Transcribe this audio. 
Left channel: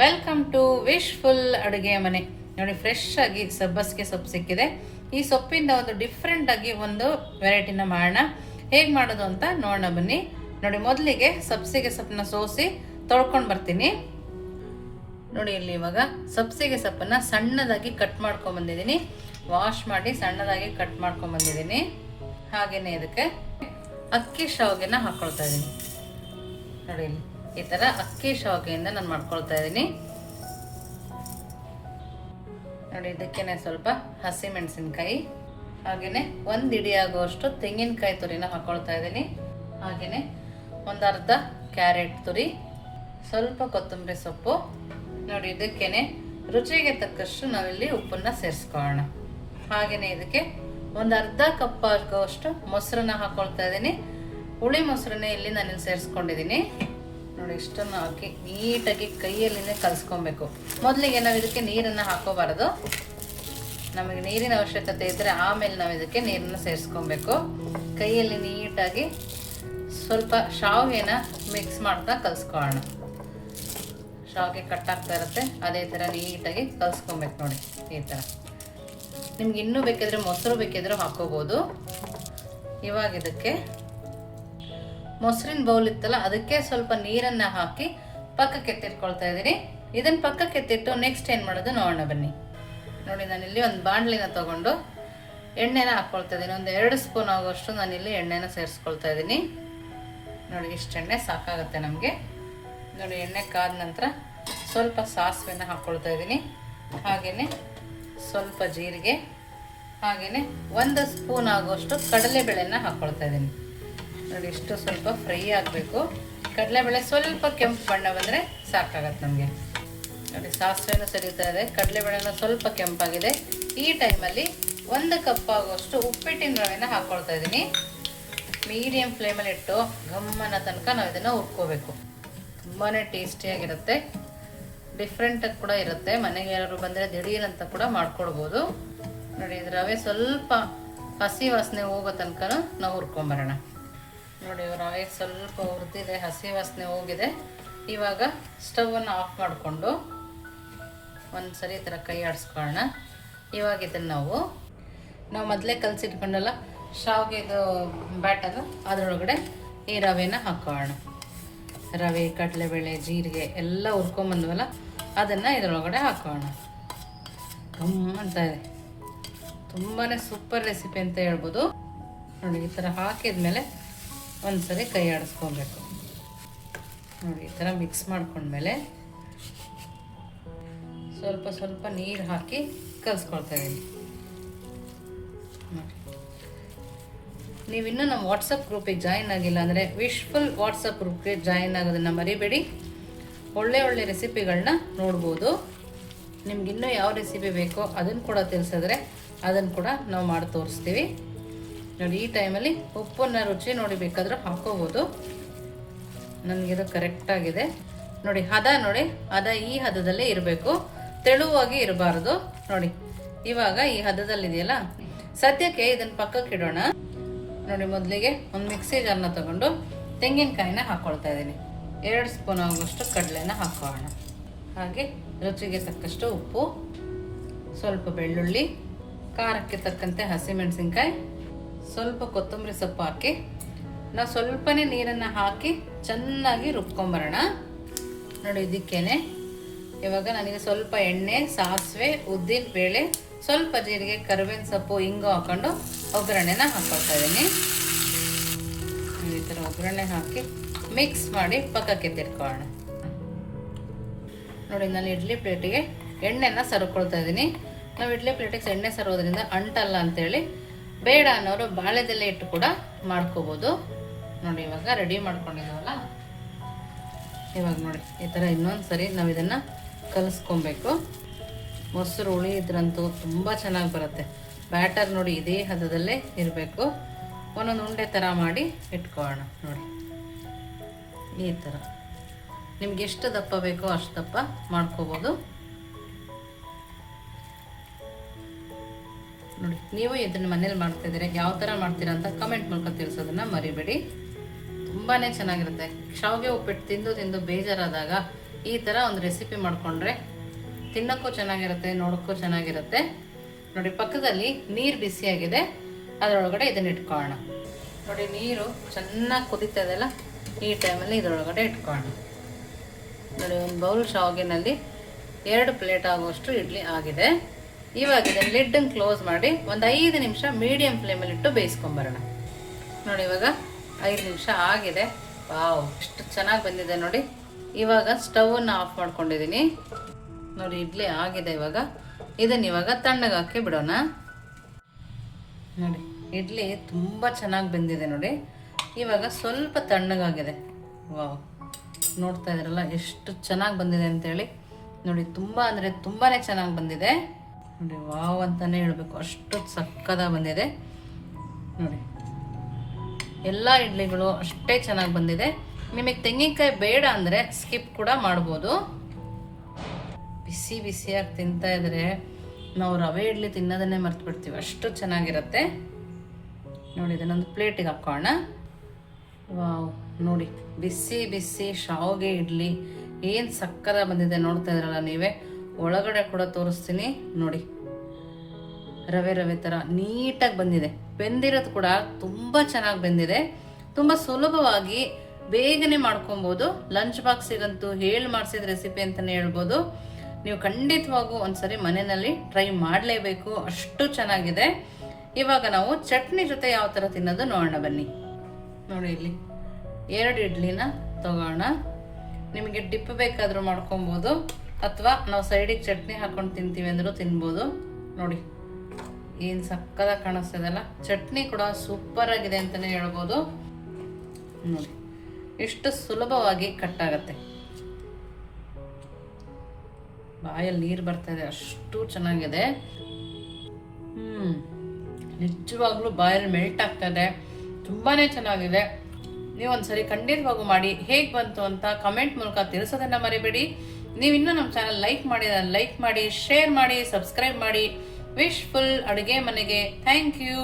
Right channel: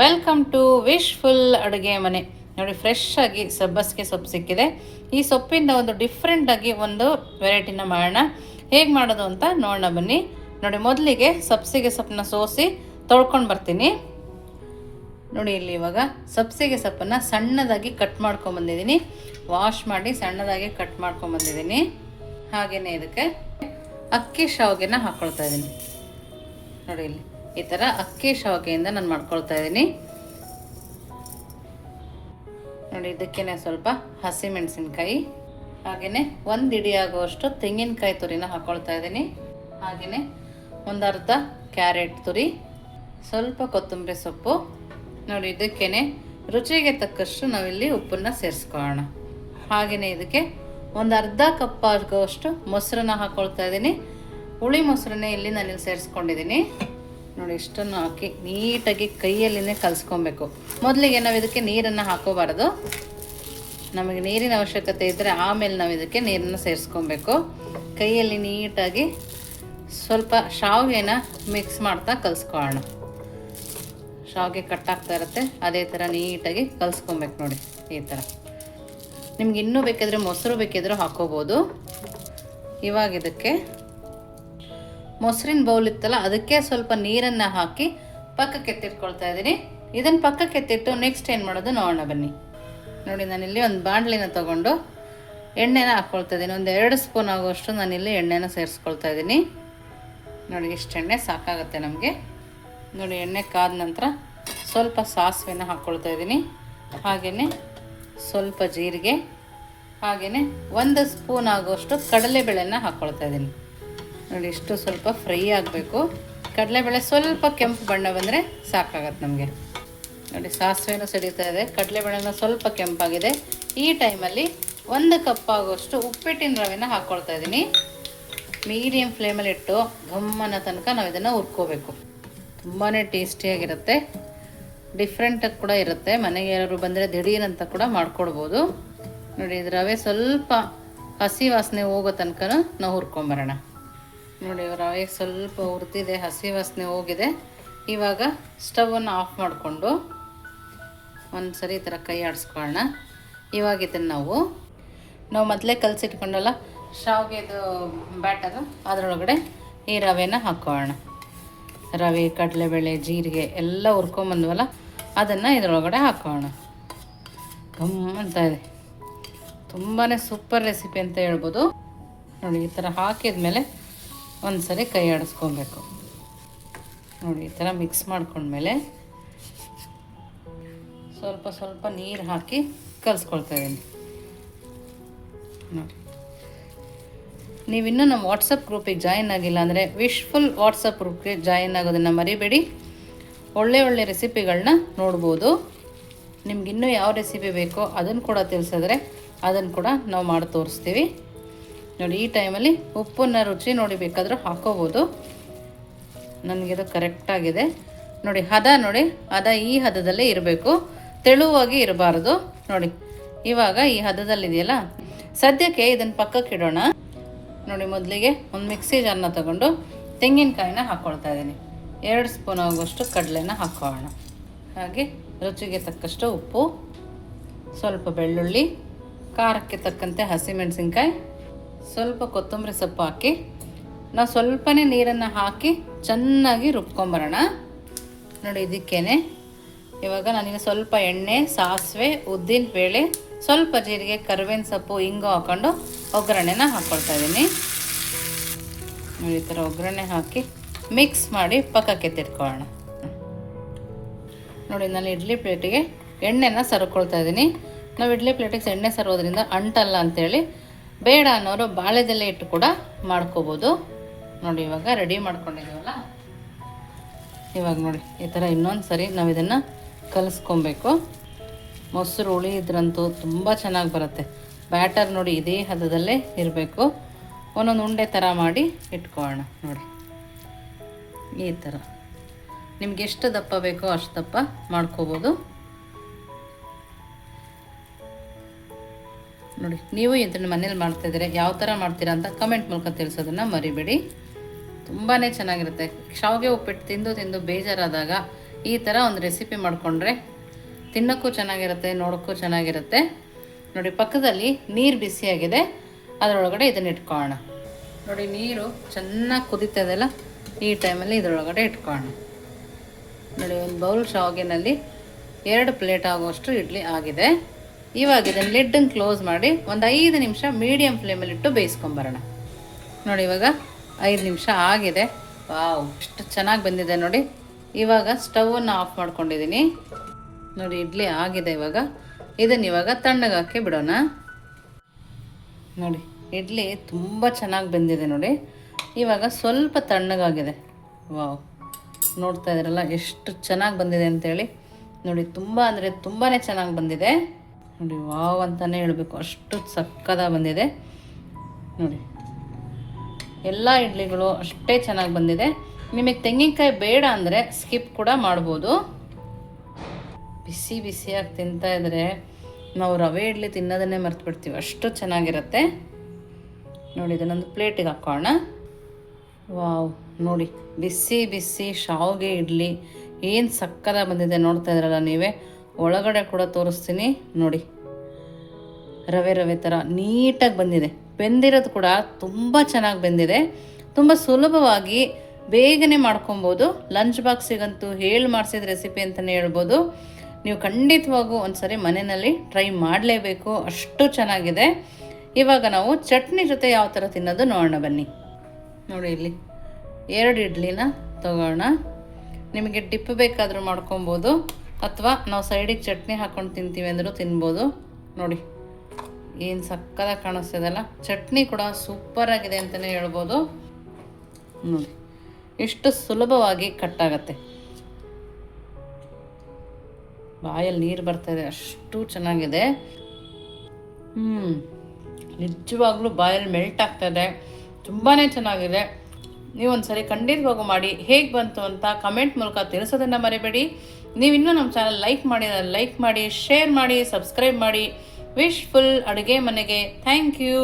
Welcome to wishful ಅಡುಗೆ ಮನೆ. ನೋಡಿ, ಫ್ರೆಶ್ ಆಗಿ ಸಬ್ಬಸಿಗೆ ಸೊಪ್ಪು ಸಿಕ್ಕಿದೆ. ಈ ಸೊಪ್ಪಿಂದ ಒಂದು ಡಿಫ್ರೆಂಟ್ ಆಗಿ ಒಂದು ವೆರೈಟಿನ ಮಾಡೋಣ. ಹೇಗೆ ಮಾಡೋದು ಅಂತ ನೋಡೋಣ ಬನ್ನಿ. ನೋಡಿ, ಮೊದಲಿಗೆ ಸಬ್ಬಸಿಗೆ ಸೊಪ್ಪನ್ನ ಸೋಸಿ ತೊಳ್ಕೊಂಡು ಬರ್ತೀನಿ. ನೋಡಿ, ಇಲ್ಲಿ ಇವಾಗ ಸಬ್ಬಸಿಗೆ ಸೊಪ್ಪನ್ನು ಸಣ್ಣದಾಗಿ ಕಟ್ ಮಾಡ್ಕೊಂಬಂದಿದ್ದೀನಿ. ವಾಶ್ ಮಾಡಿ ಸಣ್ಣದಾಗಿ ಕಟ್ ಮಾಡ್ಕೊಂಬಂದಿದ್ದೀನಿ. ಹಾಗೆಯೇ ಇದಕ್ಕೆ ಅಕ್ಕಿ ಶಾವಿಗೆನ ಹಾಕ್ಕೊಳ್ತಾ ಇದ್ದೀನಿ. ನೋಡಿ, ಇಲ್ಲಿ ಈ ಥರ ಅಕ್ಕಿ ಶಾವಿಗೆಯಿಂದ ನಾನು ಮಾಡ್ಕೊಳ್ತಾ ಇದ್ದೀನಿ. ನೋಡಿ, ಇದಕ್ಕೇನೆ ಸ್ವಲ್ಪ ಹಸಿಮೆಣಸಿನ್ಕಾಯಿ, ಹಾಗೆಯೇ ಒಂದು ಇಡಿ ಆಗುವಷ್ಟು ತೆಂಗಿನಕಾಯಿ ತುರಿನ ಹಾಕ್ಕೊಳ್ತಾ ಇದ್ದೀನಿ. ಹಾಗೆಯೇ ಒಂದು ಅರ್ಧ ಕ್ಯಾರೆಟ್ ತುರಿ, ಸ್ವಲ್ಪ ಕೊತ್ತಂಬರಿ ಸೊಪ್ಪು. ನೋಡಿ, ಇದಕ್ಕೇನೆ ರುಚಿಗೆ ತಕ್ಕಷ್ಟು ನಾವಿಲ್ಲಿ ಉಪ್ಪನ್ನು ಸೇರಿಸ್ಕೊಳ್ಳೋಣ. ಹಾಗೆಯೇ ಇದಕ್ಕೆ ಒಂದು ಅರ್ಧ ಕಪ್ ಆಗುವಷ್ಟು ಮೊಸರನ್ನ ಹಾಕ್ಕೊಳ್ತಾ ಇದ್ದೀನಿ. ಹುಳಿ ಮೊಸರನ್ನೇ ಇಲ್ಲಿ ನಾನಿಲ್ಲಿ ಸೇರಿಸ್ಕೊಂಡಿದ್ದೀನಿ. ನೋಡಿ, ಇಷ್ಟನ್ನು ಹಾಕಿ ನೀಟಾಗಿ ಕೈಯಲ್ಲಿನೇ ಕಲಿಸ್ಕೊಬೇಕು. ಮೊದಲಿಗೆ ನಾವು ಇದಕ್ಕೆ ನೀರನ್ನು ಹಾಕೋಬಾರ್ದು. ನಮಗೆ ನೀರಿನ ಅವಶ್ಯಕತೆ ಇದ್ದರೆ ಆಮೇಲೆ ನಾವು ಇದಕ್ಕೆ ನೀರನ್ನು ಸೇರಿಸ್ಕೊಬೇಕು. ಕೈಯಲ್ಲಿ ನೀಟಾಗಿ ಸ್ವಲ್ಪ ಶಾವಿಗೆನ ಮಿಕ್ಸ್ ಮಾಡ್ತಾ ಕಲಿಸ್ಕೊಳ್ಳೋಣ. ಶಾವಿಗೆ ಕಟ್ಟಾಗ್ತಾ ಇರುತ್ತೆ, ಅದೇ ಥರ ನೀಟಾಗಿ ಕಲಿಸ್ಕೊಬೇಕು. ನೋಡಿ, ಈ ಥರ. ನಿಮ್ಗೆ ಇನ್ನೂ ಬೇಕಿದ್ರೆ ಮೊಸರು ಬೇಕಿದ್ರೆ ಹಾಕೋಬೋದು. ಇವಾಗ ಇದಕ್ಕೆ ಮೊಸರಿನ ಬೌಲ್ ಇತ್ತಲ್ಲ, ಅದಕ್ಕೆ ಸ್ವಲ್ಪ ನೀರನ್ನು ಹಾಕಿ ಪಕ್ಕಕ್ಕೆ ಎತ್ತಿಟ್ಕೊಳ್ತಾ ಇದ್ದೀನಿ. ಇದನ್ನು ಪಕ್ಕಕ್ಕೆ ಎತ್ತಿಟ್ಟು ನೆಕ್ಸ್ಟ್ ಏನು ಮಾಡೋದು ನೋಡೋಣ ಬನ್ನಿ. ನೋಡಿ, ನಾನಿಲ್ಲಿ ಒಂದು ಬಾಣಲಿನ ತೊಗೊಂಡು ಎಣ್ಣೆನ ಹಾಕ್ಕೊಳ್ತಾ ಇದ್ದೀನಿ. ಒಂದು 2 ಸ್ಪೂನ್ ಆಗುವಷ್ಟು ನಾನಿಲ್ಲಿ ಎಣ್ಣೆನ ಸೇರಿಸ್ಕೊಳ್ತಾ ಇದ್ದೀನಿ. ನೋಡಿ, ಇಷ್ಟು ಎಣ್ಣೆ ಸಾಕಾಗುತ್ತೆ ನಮಗೆ. ನೋಡಿ, ಎಣ್ಣೆ ಕಾದ ನಂತರ ಸ್ವಲ್ಪ ಸಾಸಿವೆನ ಹಾಕ್ಕೊಳ್ತಾ ಇದ್ದೀನಿ. ಹಾಗೆಯೇ ಸ್ವಲ್ಪ ಜೀರಿಗೆ, ಹಾಗೆಯೇ 1 ಸ್ಪೂನ್ ಆಗುವಷ್ಟು ಕಡಲೆಬೇಳೆನ ಹಾಕ್ಕೊಳ್ತಾ ಇದ್ದೀನಿ. ನೋಡಿ, ಇಷ್ಟು ಸ್ವಲ್ಪ ಫ್ರೈ ಆಗಬೇಕು. ಕಡಲೆಬೇಳೆ ಸ್ವಲ್ಪ ಕೆಂಪು ಬಣ್ಣ ಬಂದರೆ ಸಾಕಾಗತ್ತೆ ನಮಗೆ. ನೋಡಿ, ಸಾಸಿವೆನೂ ಸಿಡಿತಾ ಇದೆ, ಕಡಲೆಬೇಳೆನೂ ಸ್ವಲ್ಪ ಕೆಂಪಾಗಿದೆ. ಈ ಟೈಮಲ್ಲಿ 1 ಕಪ್ ಆಗುವಷ್ಟು ಉಪ್ಪಿಟ್ಟಿನ ರವೆನ ಹಾಕ್ಕೊಳ್ತಾ ಇದ್ದೀನಿ. ಮೀಡಿಯಮ್ ಫ್ಲೇಮಲ್ಲಿ ಇಟ್ಟು ಘಮ್ಮನ ತನಕ ನಾವು ಇದನ್ನು ಹುರ್ಕೋಬೇಕು. ತುಂಬಾ ಟೇಸ್ಟಿಯಾಗಿರುತ್ತೆ, ಡಿಫ್ರೆಂಟಾಗಿ ಕೂಡ ಇರುತ್ತೆ. ಮನೆಗೆ ಯಾರು ಬಂದರೆ ದಿಢೀರಂತ ಕೂಡ ಮಾಡ್ಕೊಡ್ಬೋದು. ನೋಡಿ, ಇದು ರವೆ ಸ್ವಲ್ಪ ಹಸಿ ವಾಸನೆ ಹೋಗೋ ತನಕ ನಾವು ಹುರ್ಕೊಂಬರೋಣ. ನೋಡಿ, ರವೆ ಸ್ವಲ್ಪ ಹುರಿದಿದೆ, ಹಸಿ ವಾಸನೆ ಹೋಗಿದೆ. ಇವಾಗ ಸ್ಟವನ್ನು ಆಫ್ ಮಾಡಿಕೊಂಡು ಒಂದು ಸರಿ ಈ ಥರ ಕೈ ಆಡಿಸ್ಕೊಳ್ಳೋಣ. ಇವಾಗ ಇದನ್ನು ನಾವು ಮೊದಲೇ ಕಲಸಿಟ್ಕೊಂಡಲ್ಲ ಶಾವಿಗೆದು ಬ್ಯಾಟರು, ಅದರೊಳಗಡೆ ಈ ರವೆನ ಹಾಕ್ಕೊಳ್ಳೋಣ. ರವೆ, ಕಡಲೆಬೇಳೆ, ಜೀರಿಗೆ ಎಲ್ಲ ಹುರ್ಕೊಂಬಂದ್ವಲ್ಲ, ಅದನ್ನು ಇದರೊಳಗಡೆ ಹಾಕೋಣ. ಅಂತ ಇದೆ, ತುಂಬಾ ಸೂಪರ್ ರೆಸಿಪಿ ಅಂತ ಹೇಳ್ಬೋದು. ನೋಡಿ, ಈ ಥರ ಹಾಕಿದ್ಮೇಲೆ ಒಂದು ಸರಿ ಕೈ ಆಡಿಸ್ಕೊಬೇಕು. ನೋಡಿ, ಈ ಥರ ಮಿಕ್ಸ್ ಮಾಡ್ಕೊಂಡ್ಮೇಲೆ ಸ್ವಲ್ಪ ಸ್ವಲ್ಪ ನೀರು ಹಾಕಿ ಕಲಿಸ್ಕೊಳ್ತಾ ಇದ್ದೀನಿ. ನೋಡಿ, ನೀವಿನ್ನೂ ನಮ್ಮ ವಾಟ್ಸಪ್ ಗ್ರೂಪಿಗೆ ಜಾಯಿನ್ ಆಗಿಲ್ಲ ಅಂದರೆ ವಿಶ್ಫುಲ್ ವಾಟ್ಸಪ್ ಗ್ರೂಪ್ಗೆ ಜಾಯಿನ್ ಆಗೋದನ್ನು ಮರಿಬೇಡಿ. ಒಳ್ಳೆ ರೆಸಿಪಿಗಳನ್ನ ನೋಡ್ಬೋದು. ನಿಮ್ಗಿನ್ನೂ ಯಾವ ರೆಸಿಪಿ ಬೇಕೋ ಅದನ್ನು ಕೂಡ ತಿಳಿಸಿದ್ರೆ ಅದನ್ನು ಕೂಡ ನಾವು ಮಾಡಿ ತೋರಿಸ್ತೀವಿ. ನೋಡಿ, ಈ ಟೈಮಲ್ಲಿ ಉಪ್ಪನ್ನ ರುಚಿ ನೋಡಿ ಬೇಕಾದರೂ ಹಾಕೋಬೋದು. ನನಗಿದು ಕರೆಕ್ಟಾಗಿದೆ. ನೋಡಿ, ಹದ ಈ ಹದದಲ್ಲೇ ಇರಬೇಕು, ತೆಳುವಾಗಿ ಇರಬಾರ್ದು. ನೋಡಿ, ಇವಾಗ ಈ ಹದದಲ್ಲಿದೆಯಲ್ಲ, ಸದ್ಯಕ್ಕೆ ಇದನ್ನು ಪಕ್ಕಕ್ಕೆ ಇಡೋಣ. ನೋಡಿ, ಮೊದಲಿಗೆ ಒಂದು ಮಿಕ್ಸಿ ಜಾರ್ನ ತಗೊಂಡು ತೆಂಗಿನಕಾಯಿನ ಹಾಕ್ಕೊಳ್ತಾ ಇದ್ದೀನಿ. 2 ಸ್ಪೂನ್ ಆಗುವಷ್ಟು ಕಡಲೆನ ಹಾಕ್ಕೊಳ್ಳೋಣ. ಹಾಗೆ ರುಚಿಗೆ ತಕ್ಕಷ್ಟು ಉಪ್ಪು, ಸ್ವಲ್ಪ ಬೆಳ್ಳುಳ್ಳಿ, ಖಾರಕ್ಕೆ ತಕ್ಕಂತೆ ಹಸಿಮೆಣಸಿನ್ಕಾಯಿ, ಸ್ವಲ್ಪ ಕೊತ್ತಂಬರಿ ಸೊಪ್ಪು ಹಾಕಿ ನಾವು ಸ್ವಲ್ಪನೇ ನೀರನ್ನು ಹಾಕಿ ಚೆನ್ನಾಗಿ ರುಬ್ಕೊಂಬರೋಣ. ನೋಡಿ, ಇದಕ್ಕೇನೆ ಇವಾಗ ನಾನಿಗೆ ಸ್ವಲ್ಪ ಎಣ್ಣೆ, ಸಾಸಿವೆ, ಉದ್ದಿನ ಬೇಳೆ, ಸ್ವಲ್ಪ ಜೀರಿಗೆ, ಕರಿಬೇವಿನ ಸೊಪ್ಪು, ಇಂಗು ಹಾಕ್ಕೊಂಡು ಒಗ್ಗರಣೆನ ಹಾಕ್ಕೊಳ್ತಾ ಇದ್ದೀನಿ. ಈ ಥರ ಒಗ್ಗರಣೆ ಹಾಕಿ ಮಿಕ್ಸ್ ಮಾಡಿ ಪಕ್ಕಕ್ಕೆ ಎತ್ತಿಟ್ಕೊಳ್ಳೋಣ. ನೋಡಿ, ನಾನು ಇಡ್ಲಿ ಪ್ಲೇಟಿಗೆ ಎಣ್ಣೆನ ಸರ್ಕೊಳ್ತಾ ಇದ್ದೀನಿ. ನಾವು ಇಡ್ಲಿ ಪ್ಲೇಟಿಗೆ ಎಣ್ಣೆ ಸರೋದ್ರಿಂದ ಅಂಟಲ್ಲ ಅಂಥೇಳಿ, ಬೇಡ ಅನ್ನೋರು ಬಾಳೆದೆಲೆ ಇಟ್ಟು ಕೂಡ ಮಾಡ್ಕೋಬೋದು. ನೋಡಿ, ಇವಾಗ ರೆಡಿ ಮಾಡ್ಕೊಂಡಿದ್ದೀವಲ್ಲ, ಇವಾಗ ನೋಡಿ ಈ ಥರ ಇನ್ನೊಂದು ಸರಿ ನಾವು ಇದನ್ನು ಕಲಿಸ್ಕೊಬೇಕು. ಮೊಸರು ಹುಳಿ ಇದ್ರಂತೂ ತುಂಬ ಚೆನ್ನಾಗಿ ಬರುತ್ತೆ. ಬ್ಯಾಟರ್ ನೋಡಿ ಇದೇ ಹದದಲ್ಲೇ ಇರಬೇಕು. ಒಂದೊಂದು ಉಂಡೆ ಥರ ಮಾಡಿ ಇಟ್ಕೊಳ್ಳೋಣ. ನೋಡಿ, ಈ ಥರ ನಿಮ್ಗೆ ಎಷ್ಟು ದಪ್ಪ ಬೇಕೋ ಅಷ್ಟು ದಪ್ಪ ಮಾಡ್ಕೋಬೋದು. ನೋಡಿ, ನೀವು ಇದನ್ನು ಮನೇಲಿ ಮಾಡ್ತಾಯಿದ್ರೆ ಯಾವ ಥರ ಮಾಡ್ತೀರಾ ಅಂತ ಕಮೆಂಟ್ ಮೂಲಕ ತಿಳಿಸೋದನ್ನು ಮರಿಬೇಡಿ. ತುಂಬಾ ಚೆನ್ನಾಗಿರುತ್ತೆ. ಶಾವಿಗೆ ಉಪ್ಪಿಟ್ಟು ತಿಂದು ಬೇಜಾರಾದಾಗ ಈ ಥರ ಒಂದು ರೆಸಿಪಿ ಮಾಡಿಕೊಂಡ್ರೆ ತಿನ್ನೋಕ್ಕೂ ಚೆನ್ನಾಗಿರುತ್ತೆ, ನೋಡೋಕ್ಕೂ ಚೆನ್ನಾಗಿರುತ್ತೆ. ನೋಡಿ ಪಕ್ಕದಲ್ಲಿ ನೀರು ಬಿಸಿಯಾಗಿದೆ, ಅದರೊಳಗಡೆ ಇದನ್ನು ಇಟ್ಕೊಳ್ಳೋಣ. ನೋಡಿ ನೀರು ಚೆನ್ನಾಗಿ ಕುದೀತಾ ಇದೆಯಲ್ಲ, ಈ ಟೈಮಲ್ಲಿ ಇದರೊಳಗಡೆ ಇಟ್ಕೊಳ್ಳೋಣ. ನೋಡಿ ಒಂದು ಬೌಲ್ ಶಾವಿಗೆನಲ್ಲಿ 2 ಪ್ಲೇಟ್ ಆಗುವಷ್ಟು ಇಡ್ಲಿ ಆಗಿದೆ. ಇವಾಗ ಇದನ್ನು ಲಿಡ್ಡನ್ನು ಕ್ಲೋಸ್ ಮಾಡಿ ಒಂದು 5 ನಿಮಿಷ ಮೀಡಿಯಮ್ ಫ್ಲೇಮಲ್ಲಿಟ್ಟು ಬೇಯಿಸ್ಕೊಂಬರೋಣ. ನೋಡಿ ಇವಾಗ 5 ನಿಮಿಷ ಆಗಿದೆ. ವಾವ್, ಎಷ್ಟು ಚೆನ್ನಾಗಿ ಬಂದಿದೆ ನೋಡಿ. ಇವಾಗ ಸ್ಟವನ್ನು ಆಫ್ ಮಾಡ್ಕೊಂಡಿದ್ದೀನಿ. ನೋಡಿ ಇಡ್ಲಿ ಆಗಿದೆ. ಇವಾಗ ತಣ್ಣಗಾಕಿ ಬಿಡೋಣ. ನೋಡಿ ಇಡ್ಲಿ ತುಂಬ ಚೆನ್ನಾಗಿ ಬಂದಿದೆ ನೋಡಿ. ಇವಾಗ ಸ್ವಲ್ಪ ತಣ್ಣಗಾಗಿದೆ. ವಾವ್, ನೋಡ್ತಾ ಇದ್ರಲ್ಲ ಎಷ್ಟು ಚೆನ್ನಾಗಿ ಬಂದಿದೆ ಅಂತೇಳಿ. ನೋಡಿ ತುಂಬ ಅಂದರೆ ತುಂಬಾ ಚೆನ್ನಾಗಿ ಬಂದಿದೆ ನೋಡಿ. ವಾವ್ ಅಂತಲೇ ಹೇಳಬೇಕು, ಅಷ್ಟು ಸಕ್ಕದಾಗಿ ಬಂದಿದೆ ನೋಡಿ. ಎಲ್ಲ ಇಡ್ಲಿಗಳು ಅಷ್ಟೇ ಚೆನ್ನಾಗಿ ಬಂದಿದೆ. ನಿಮಗೆ ತೆಂಗಿನಕಾಯಿ ಬೇಡ ಅಂದರೆ ಸ್ಕಿಪ್ ಕೂಡ ಮಾಡ್ಬೋದು. ಬಿಸಿ ಬಿಸಿಯಾಗಿ ತಿಂತಾ ಇದ್ರೆ ನಾವು ರವೆ ಇಡ್ಲಿ ತಿನ್ನೋದನ್ನೇ ಮರ್ತು ಬಿಡ್ತೀವಿ, ಅಷ್ಟು ಚೆನ್ನಾಗಿರುತ್ತೆ ನೋಡಿ. ಇದನ್ನೊಂದು ಪ್ಲೇಟಿಗೆ ಹಾಕೋಣ. ವಾವ್, ನೋಡಿ ಬಿಸಿ ಬಿಸಿ ಶಾವಿಗೆ ಇಡ್ಲಿ ಏನು ಸಕ್ಕದಾಗಿ ಬಂದಿದೆ ನೋಡ್ತಾ ಇದ್ರಲ್ಲ ನೀವೇ. ಒಳಗಡೆ ಕೂಡ ತೋರಿಸ್ತೀನಿ ನೋಡಿ. ರವೆ ರವೆ ಥರ ನೀಟಾಗಿ ಬಂದಿದೆ. ಬೆಂದಿರೋದು ಕೂಡ ತುಂಬ ಚೆನ್ನಾಗಿ ಬೆಂದಿದೆ. ತುಂಬ ಸುಲಭವಾಗಿ ಬೇಗನೆ ಮಾಡ್ಕೊಬೋದು. ಲಂಚ್ ಬಾಕ್ಸಿಗಂತೂ ಹೇಳಿ ಮಾಡಿಸಿದ ರೆಸಿಪಿ ಅಂತಲೇ ಹೇಳ್ಬೋದು. ನೀವು ಖಂಡಿತವಾಗೂ ಒಂದ್ಸರಿ ಮನೆಯಲ್ಲಿ ಟ್ರೈ ಮಾಡಲೇಬೇಕು, ಅಷ್ಟು ಚೆನ್ನಾಗಿದೆ. ಇವಾಗ ನಾವು ಚಟ್ನಿ ಜೊತೆ ಯಾವ ಥರ ತಿನ್ನೋದು ನೋಡೋಣ ಬನ್ನಿ. ನೋಡಿ ಇಲ್ಲಿ 2 ಇಡ್ಲಿನ ತಗೋಣ. ನಿಮಗೆ ಡಿಪ್ ಬೇಕಾದರೂ ಮಾಡ್ಕೊಬೋದು, ಅಥವಾ ನಾವು ಸೈಡಿಗೆ ಚಟ್ನಿ ಹಾಕ್ಕೊಂಡು ತಿಂತೀವಿ ಅಂದರೂ ತಿನ್ಬೋದು. ನೋಡಿ ಏನು ಸಕ್ಕದಾಗಿ ಕಾಣಿಸ್ತಿದೆಲ್ಲ. ಚಟ್ನಿ ಕೂಡ ಸೂಪರಾಗಿದೆ ಅಂತಲೇ ಹೇಳ್ಬೋದು. ನೋಡಿ ಎಷ್ಟು ಸುಲಭವಾಗಿ ಕಟ್ಟಾಗತ್ತೆ. ಬಾಯಲ್ಲಿ ನೀರು ಬರ್ತಾಯಿದೆ, ಅಷ್ಟು ಚೆನ್ನಾಗಿದೆ. ನಿಜವಾಗ್ಲೂ ಬಾಯಲ್ಲಿ ಮೆಲ್ಟ್ ಆಗ್ತಾಯಿದೆ, ತುಂಬಾ ಚೆನ್ನಾಗಿದೆ. ನೀವೊಂದ್ಸರಿ ಖಂಡಿತವಾಗೂ ಮಾಡಿ ಹೇಗೆ ಬಂತು ಅಂತ ಕಮೆಂಟ್ ಮೂಲಕ ತಿಳಿಸೋದನ್ನು ಮರಿಬೇಡಿ. ನೀವು ಇನ್ನೂ ನಮ್ಮ ಚಾನಲ್ ಲೈಕ್ ಮಾಡಿ, ಶೇರ್ ಮಾಡಿ, ಸಬ್ಸ್ಕ್ರೈಬ್ ಮಾಡಿ. ವಿಶ್ಫುಲ್ ಅಡುಗೆ ಮನೆಗೆ ಥ್ಯಾಂಕ್ ಯು.